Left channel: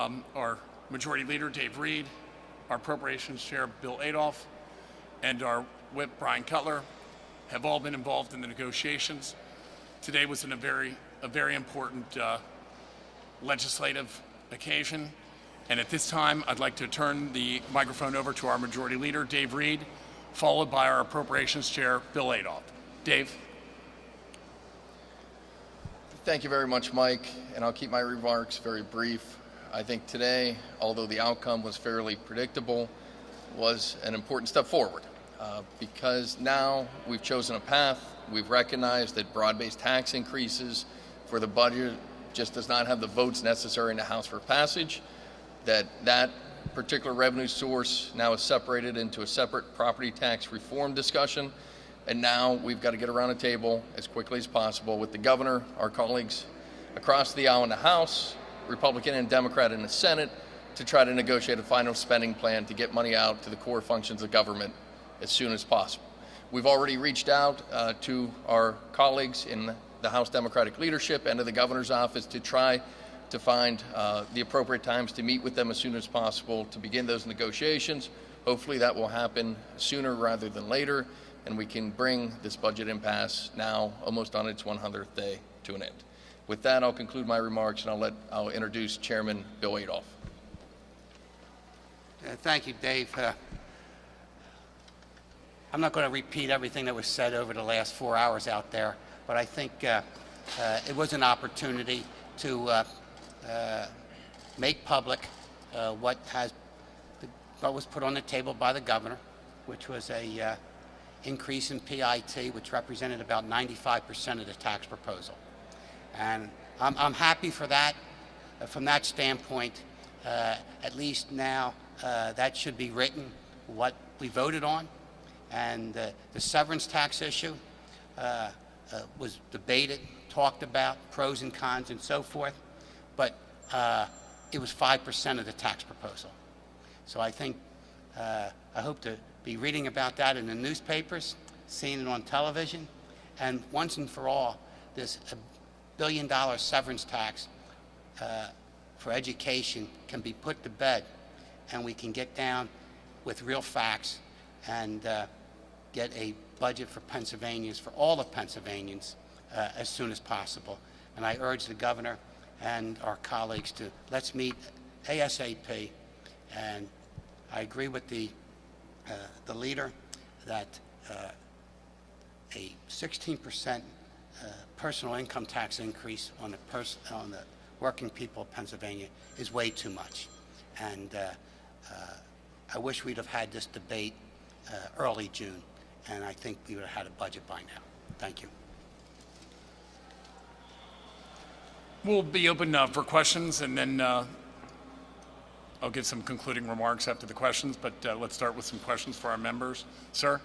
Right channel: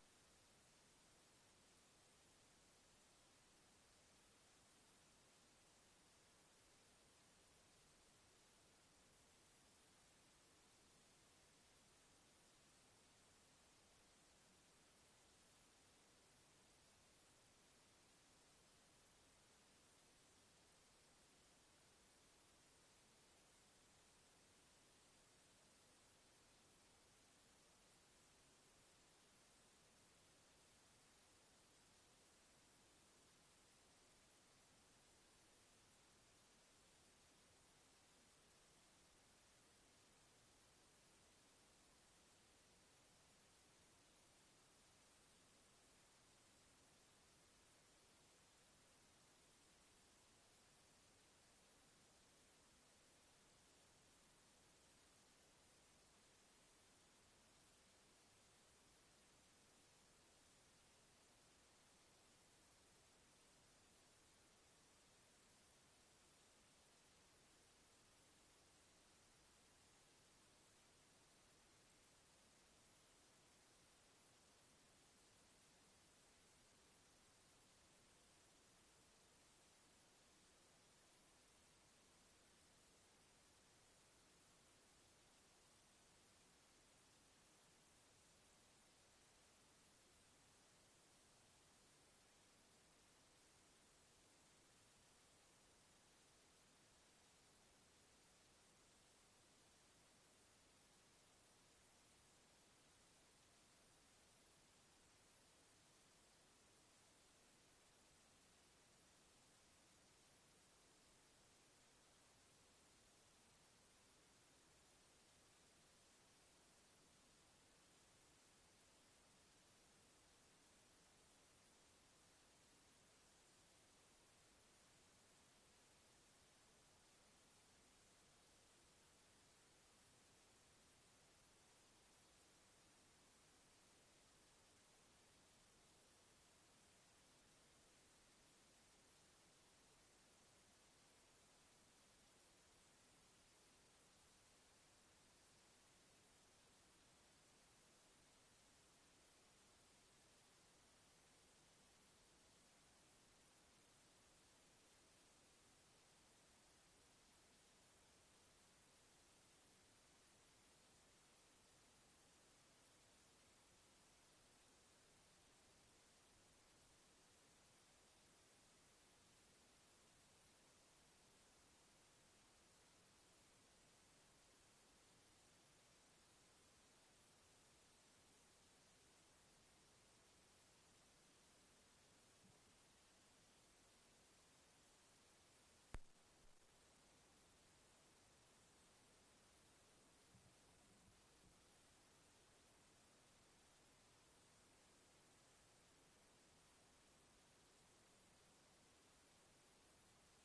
Our Majority Leader, Dave Reed, our Appropriations Chair, Bill Adolph, and our Whip, Brian Cutler, have all been involved in the negotiations. Today was a very important legislative occasion, and at this time, I'd like to turn the microphone over to our Majority Leader, Dave Reed, followed by our Appropriations Chair, Bill Adolph. Dave. Thank you very much, Mike, and I'll keep my remarks very brief. I think today, although the outcome was fairly predictable, was an important step forward because now we've chosen a path. We've recognized that broad-based tax increases for the budget just does not have the votes necessary in the House for passage, that particular revenue source now is separated into a separate property tax reform discussion, and now we've got to get around a table as quickly as possible with the governor, our colleagues across the aisle in the House, Republican and Democrat in the Senate, to try to negotiate a final spending plan to get money out to the core functions of government as soon as possible. We've already reached out to our colleagues in the House Democratic leadership and to the governor's office to try to find the appropriate times to meet with them as soon as possible to begin those negotiations. Hopefully that will happen sooner rather than later, and we can bring this budget impasse now almost on its 100th day to an end. With that, I'll conclude my remarks, and I'll introduce Chairman Bill Adolph. Thank you, Dave. I'm not going to repeat everything that was said over the last 4 hours out there, but I think it was an opportunity to make public what was put on the table by the governor, which was a increase in PIT, which represented about 95% of the tax proposal. And I'm happy for that. From that standpoint, at least now that should be written, what we voted on. And the severance tax issue was debated, talked about, pros and cons and so forth, but it was 5% of the tax proposal. So I think, I hope to be reading about that in the newspapers, seeing it on television, and once and for all, this $1 billion severance tax for education can be put to bed, and we can get down with real facts and get a budget for Pennsylvanians, for all of Pennsylvanians, as soon as possible. And I urge the governor and our colleagues to let's meet ASAP. And I agree with the leader that a 16% personal income tax increase on the working people of Pennsylvania is way too much. And I wish we'd have had this debate early June, and I think we would have had a budget by now. Thank you. We'll be open for questions, and then I'll give some concluding remarks after the questions, but let's start with some questions for our members. Sir?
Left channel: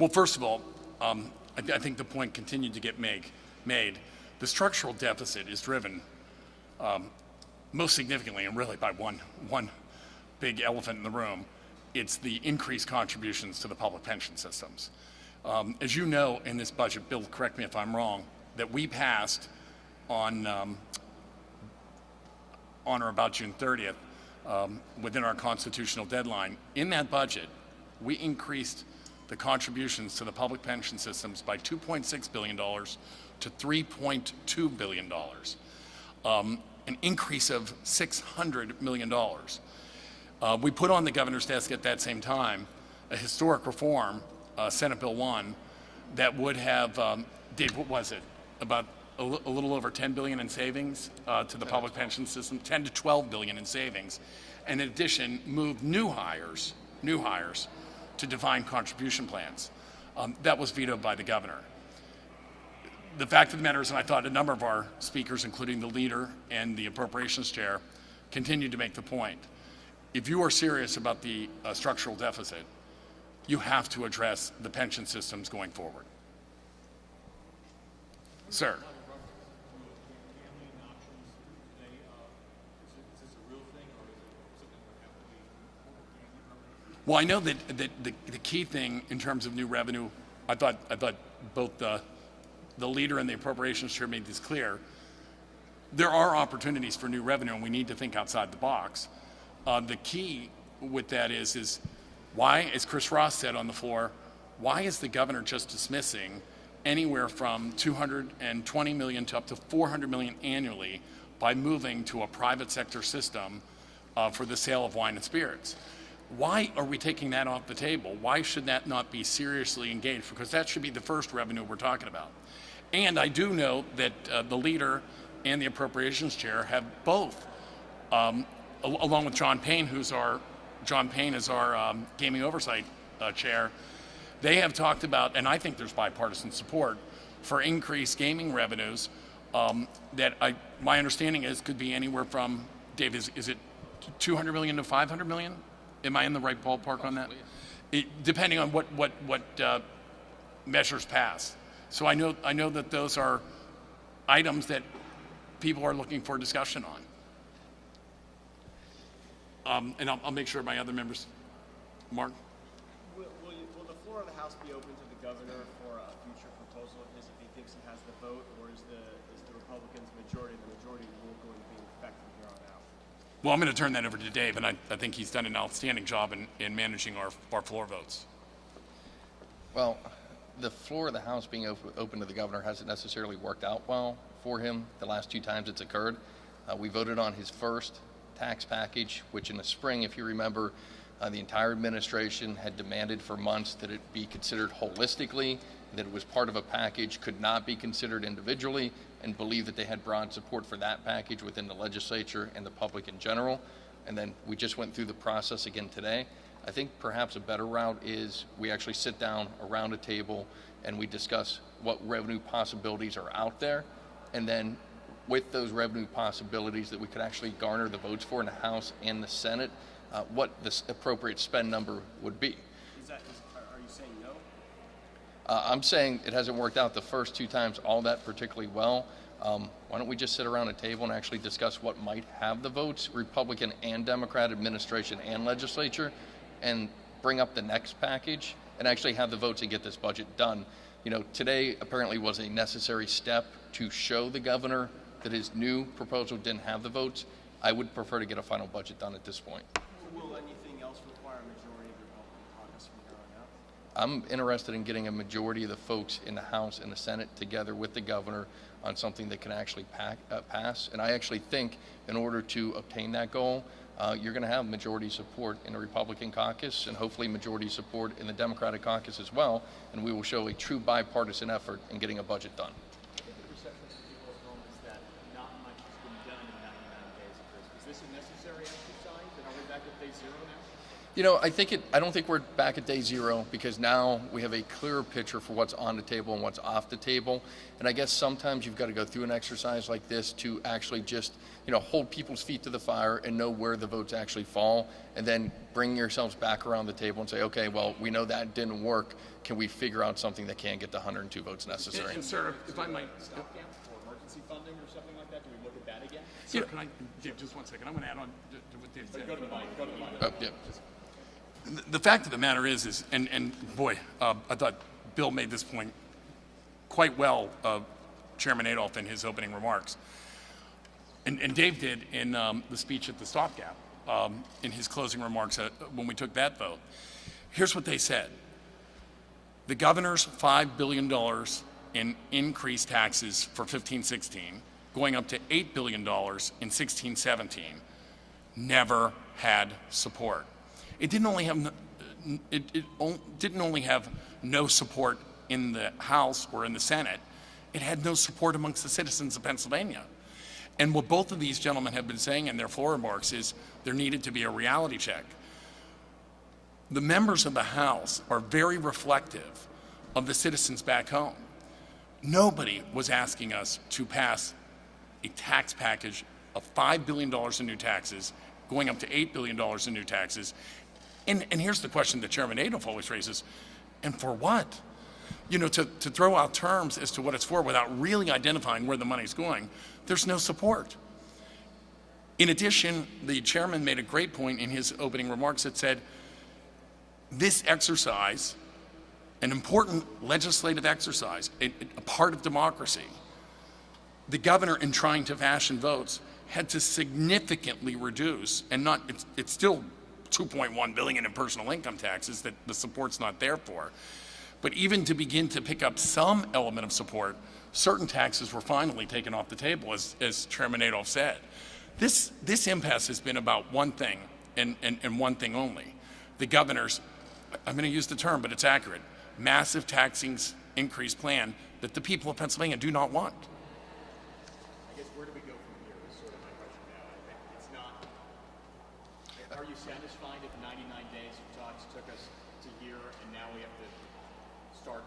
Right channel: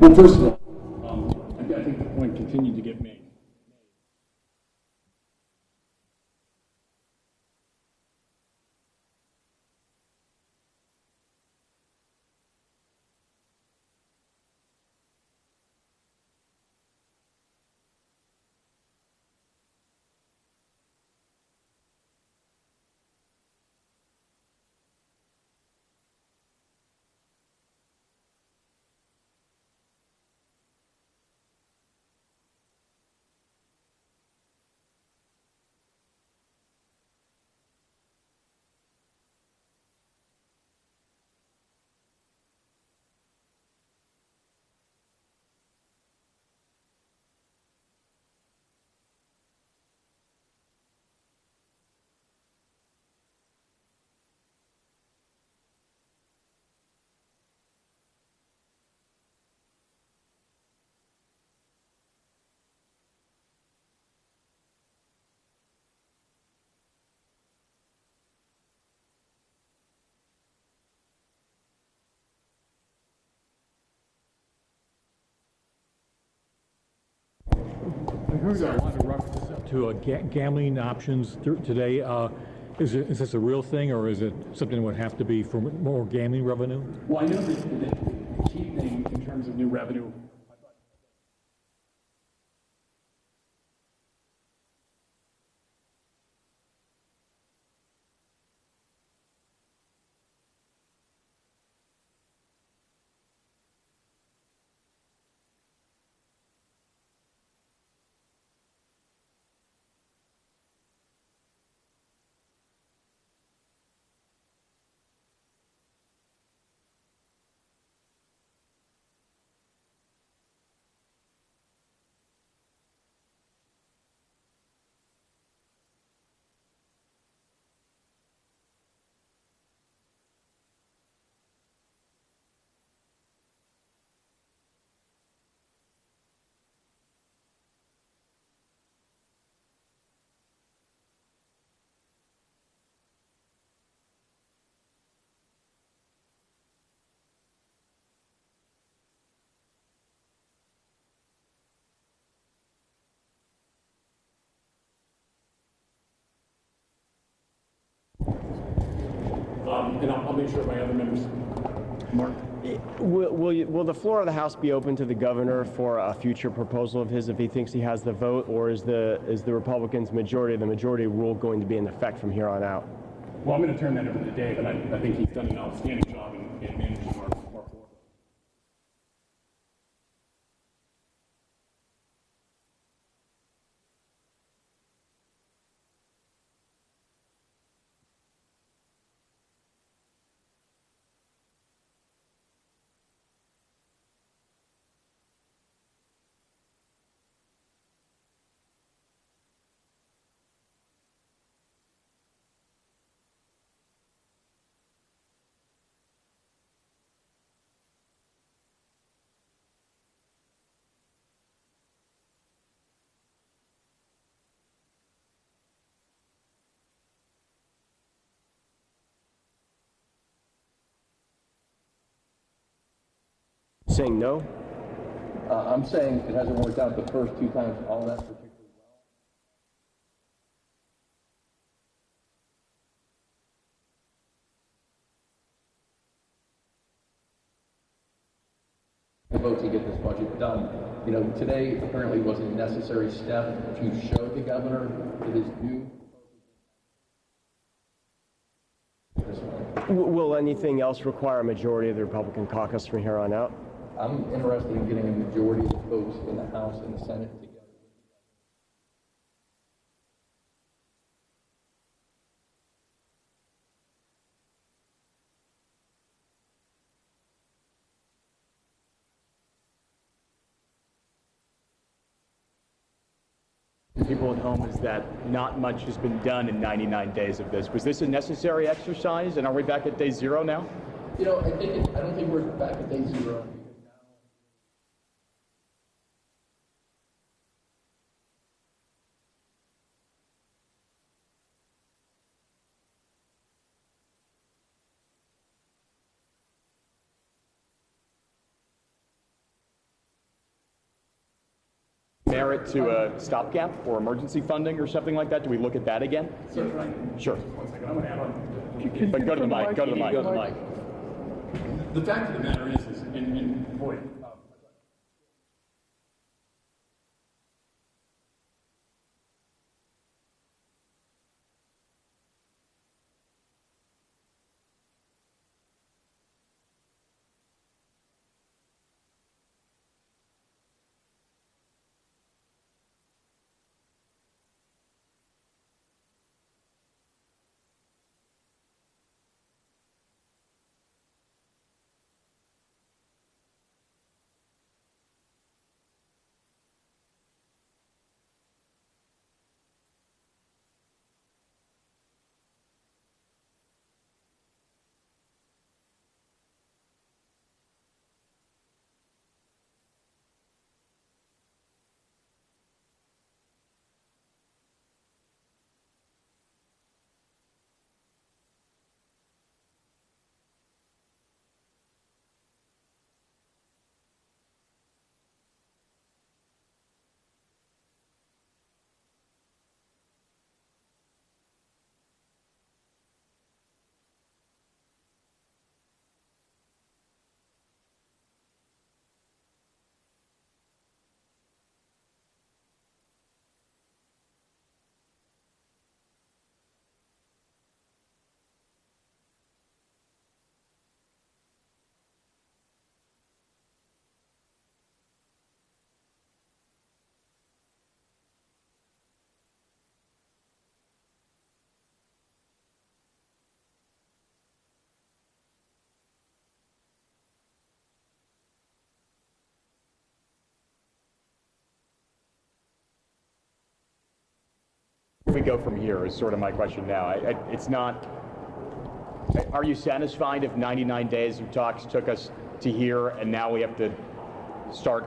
Well, first of all, I think the point continued to get made. The structural deficit is driven most significantly and really by one big elephant in the room. It's the increased contributions to the public pension systems. As you know, in this budget, Bill, correct me if I'm wrong, that we passed on or about June 30th, within our constitutional deadline. In that budget, we increased the contributions to the public pension systems by $2.6 billion to $3.2 billion, an increase of $600 million. We put on the governor's desk at that same time a historic reform, Senate Bill 1, that would have, Dave, what was it? About a little over $10 billion in savings to the public pension system, 10 to 12 billion in savings, and in addition, moved new hires to defined contribution plans. That was vetoed by the governor. The fact of the matter is, and I thought a number of our speakers, including the leader and the appropriations chair, continued to make the point. If you are serious about the structural deficit, you have to address the pension systems going forward. I heard a lot of reference to gambling options today. Is this a real thing, or is it something that would have to be for more gaming revenue? Well, I know that the key thing in terms of new revenue, I thought both the leader and the appropriations chair made this clear. There are opportunities for new revenue, and we need to think outside the box. The key with that is why, as Chris Ross said on the floor, why is the governor just dismissing anywhere from $220 million to up to $400 million annually by moving to a private sector system for the sale of wine and spirits? Why are we taking that off the table? Why should that not be seriously engaged? Because that should be the first revenue we're talking about. And I do know that the leader and the appropriations chair have both, along with John Payne, is our gaming oversight chair. They have talked about, and I think there's bipartisan support for increased gaming revenues my understanding is could be anywhere from, Dave, is it 200 million to 500 million? Am I in the right ballpark on that? Depending on what measures pass. So I know that those are items that people are looking for discussion on. And I'll make sure my other members, Mark. Will the floor of the House be open to the governor for a future proposal of his if he thinks he has the vote, or is the Republicans' majority, the majority rule, going to be in effect from here on out? Well, I'm going to turn that over to Dave, and I think he's done an outstanding job in managing our floor votes. Well, the floor of the House being open to the governor hasn't necessarily worked out well for him the last two times it's occurred. We voted on his first tax package, which in the spring, if you remember, the entire administration had demanded for months that it be considered holistically, that it was part of a package, could not be considered individually, and believed that they had broad support for that package within the legislature and the public in general. And then we just went through the process again today. I think perhaps a better route is we actually sit down around a table and we discuss what revenue possibilities are out there, and then with those revenue possibilities that we could actually garner the votes for in the House and the Senate, what the appropriate spend number would be. Are you saying no? I'm saying it hasn't worked out the first two times all that particularly well. Why don't we just sit around a table and actually discuss what might have the votes, Republican and Democrat administration and legislature, and bring up the next package and actually have the votes and get this budget done. You know, today apparently was a necessary step to show the governor that his new proposal didn't have the votes. I would prefer to get a final budget done at this point. Will anything else require a majority of the Republican caucus from here on out? I'm interested in getting a majority of the folks in the House and the Senate together with the governor on something that can actually pass. And I actually think in order to obtain that goal, you're going to have majority support in the Republican caucus and hopefully majority support in the Democratic caucus as well. And we will show a true bipartisan effort in getting a budget done. People at home is that not much has been done in 99 days of this. Was this a necessary exercise, and are we back at day zero now? You know, I don't think we're back at day zero, because now we have a clearer picture for what's on the table and what's off the table. And I guess sometimes you've got to go through an exercise like this to actually just, hold people's feet to the fire and know where the votes actually fall, and then bring yourselves back around the table and say, okay, well, we know that didn't work. Can we figure out something that can get the 102 votes necessary? Merit to a stopgap or emergency funding or something like that? Do we look at that again? Sir, can I, Sure. Just 1 second. I want to add on. But go to the mic. Go to the mic. The fact of the matter is and boy, I thought Bill made this point quite well, Chairman Adolph, in his opening remarks. And Dave did in the speech at the stopgap, in his closing remarks when we took that vote. Here's what they said. The governor's $5 billion in increased taxes for 15-16, going up to $8 billion in 16-17, never had support. It didn't only have no support in the House or in the Senate. It had no support amongst the citizens of Pennsylvania. And what both of these gentlemen have been saying in their floor remarks is there needed to be a reality check. The members of the House are very reflective of the citizens back home. Nobody was asking us to pass a tax package of $5 billion in new taxes, going up to $8 billion in new taxes. And here's the question that Chairman Adolph always raises, and for what? To throw out terms as to what it's for without really identifying where the money's going, there's no support. In addition, the chairman made a great point in his opening remarks that said, this exercise, an important legislative exercise, a part of democracy, the governor, in trying to fashion votes, had to significantly reduce, and not, it's still $2.1 billion in personal income taxes that the support's not there for. But even to begin to pick up some element of support, certain taxes were finally taken off the table, as Chairman Adolph said. This impasse has been about one thing, and one thing only. The governor's, I'm going to use the term, but it's accurate, massive taxing increase plan that the people of Pennsylvania do not want. Where do we go from here is sort of my question now. It's not, are you satisfied if 99 days of talks took us to here and now we have to start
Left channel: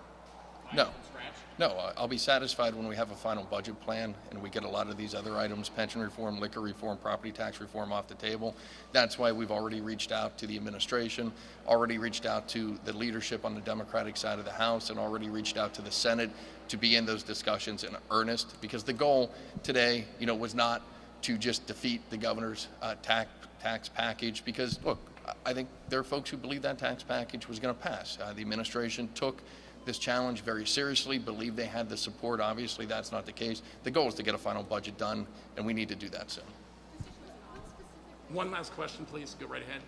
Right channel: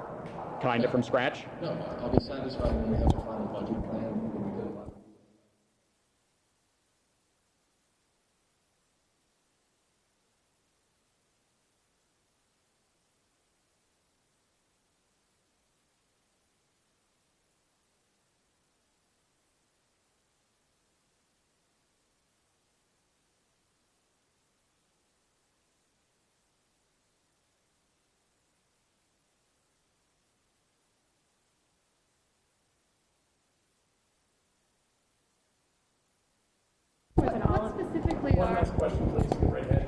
kind of from scratch? No, I'll be satisfied when we have the final budget plan and we get a lot of these other items, pension reform, liquor reform, property tax reform off the table. That's why we've already reached out to the administration, already reached out to the leadership on the Democratic side of the House, and already reached out to the Senate to be in those discussions in earnest, because the goal today, was not to just defeat the governor's tax package, because look, I think there are folks who believe that tax package was going to pass. The administration took this challenge very seriously, believed they had the support. Obviously, that's not the case. The goal is to get a final budget done, and we need to do that soon. What specifically? One last question, please. Go right ahead.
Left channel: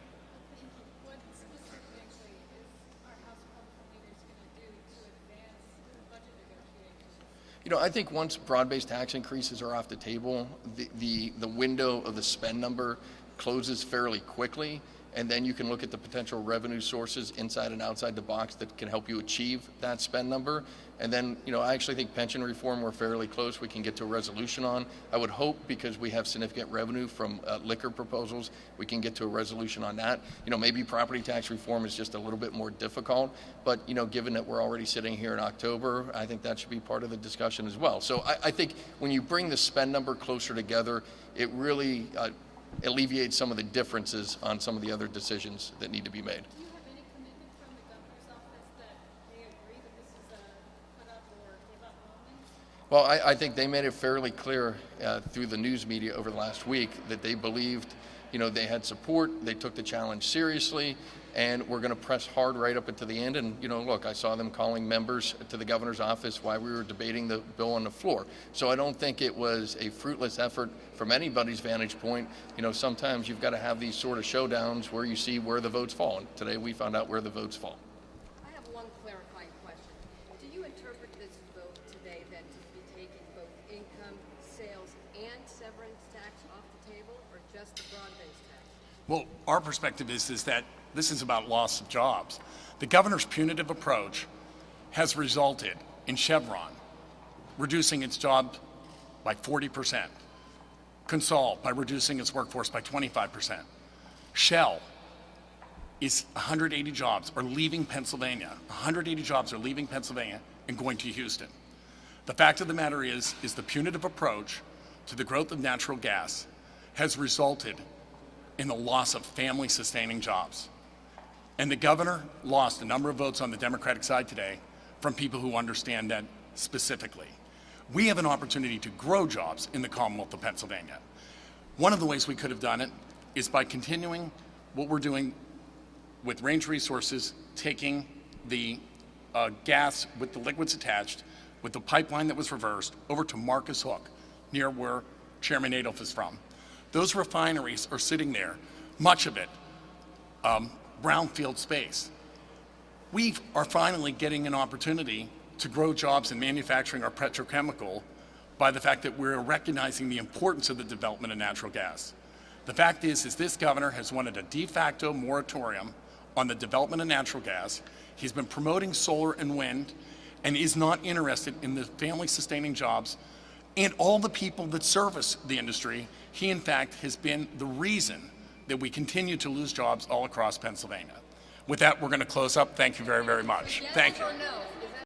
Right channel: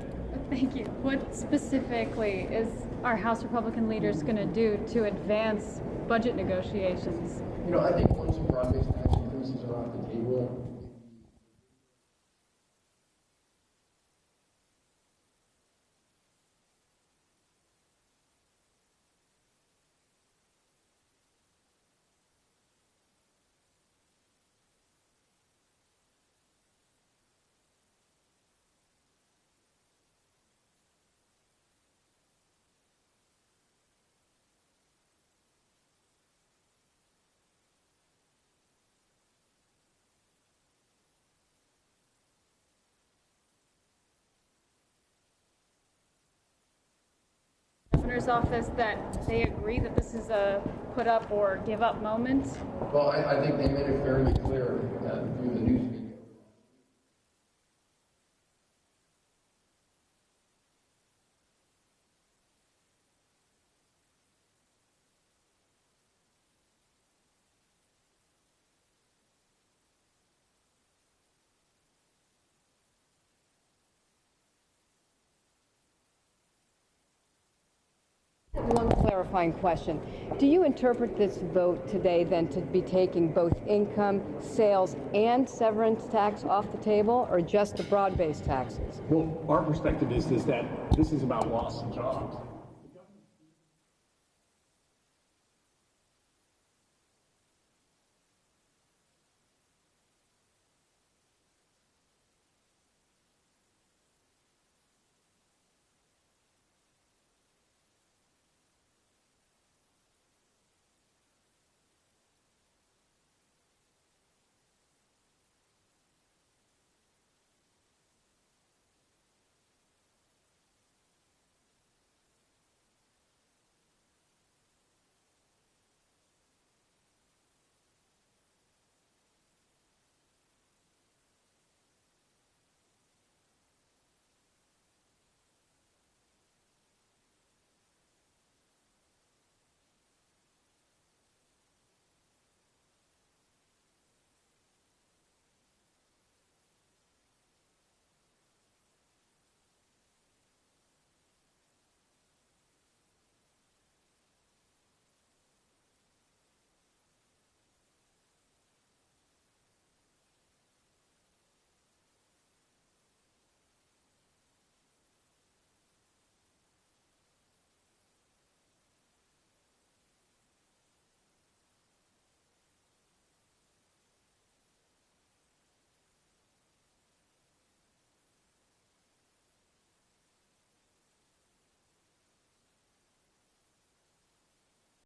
Thank you. What specifically is our House Republican leaders going to do to advance budget negotiations? I think once broad-based tax increases are off the table, the window of the spend number closes fairly quickly, and then you can look at the potential revenue sources inside and outside the box that can help you achieve that spend number. And then, I actually think pension reform, we're fairly close. We can get to a resolution on. I would hope, because we have significant revenue from liquor proposals, we can get to a resolution on that. Maybe property tax reform is just a little bit more difficult, but, given that we're already sitting here in October, I think that should be part of the discussion as well. So I think when you bring the spend number closer together, it really alleviates some of the differences on some of the other decisions that need to be made. Governor's office that they agree that this is a put up or give up moment? Well, I think they made it fairly clear through the news media over the last week that they believed, they had support, they took the challenge seriously, and we're going to press hard right up until the end. And, look, I saw them calling members to the governor's office while we were debating the bill on the floor. So I don't think it was a fruitless effort from anybody's vantage point. Sometimes you've got to have these sort of showdowns where you see where the votes fall. And today we found out where the votes fall. I have one clarifying question. Do you interpret this vote today then to be taking both income, sales, and severance tax off the table, or just the broad-based taxes? Well, our perspective is that this is about loss of jobs. The governor's punitive approach has resulted in Chevron reducing its jobs by 40%, Consol by reducing its workforce by 25%, Shell is 180 jobs are leaving Pennsylvania. 180 jobs are leaving Pennsylvania and going to Houston. The fact of the matter is the punitive approach to the growth of natural gas has resulted in the loss of family-sustaining jobs. And the governor lost a number of votes on the Democratic side today from people who understand that specifically. We have an opportunity to grow jobs in the Commonwealth of Pennsylvania. One of the ways we could have done it is by continuing what we're doing with Range Resources, taking the gas with the liquids attached, with the pipeline that was reversed, over to Marcus Hook, near where Chairman Adolph is from. Those refineries are sitting there, much of it brownfield space. We are finally getting an opportunity to grow jobs in manufacturing our petrochemical by the fact that we're recognizing the importance of the development of natural gas. The fact is this governor has wanted a de facto moratorium on the development of natural gas. He's been promoting solar and wind and is not interested in the family-sustaining jobs and all the people that service the industry. He, in fact, has been the reason that we continue to lose jobs all across Pennsylvania. With that, we're going to close up. Thank you very, very much. Thank you.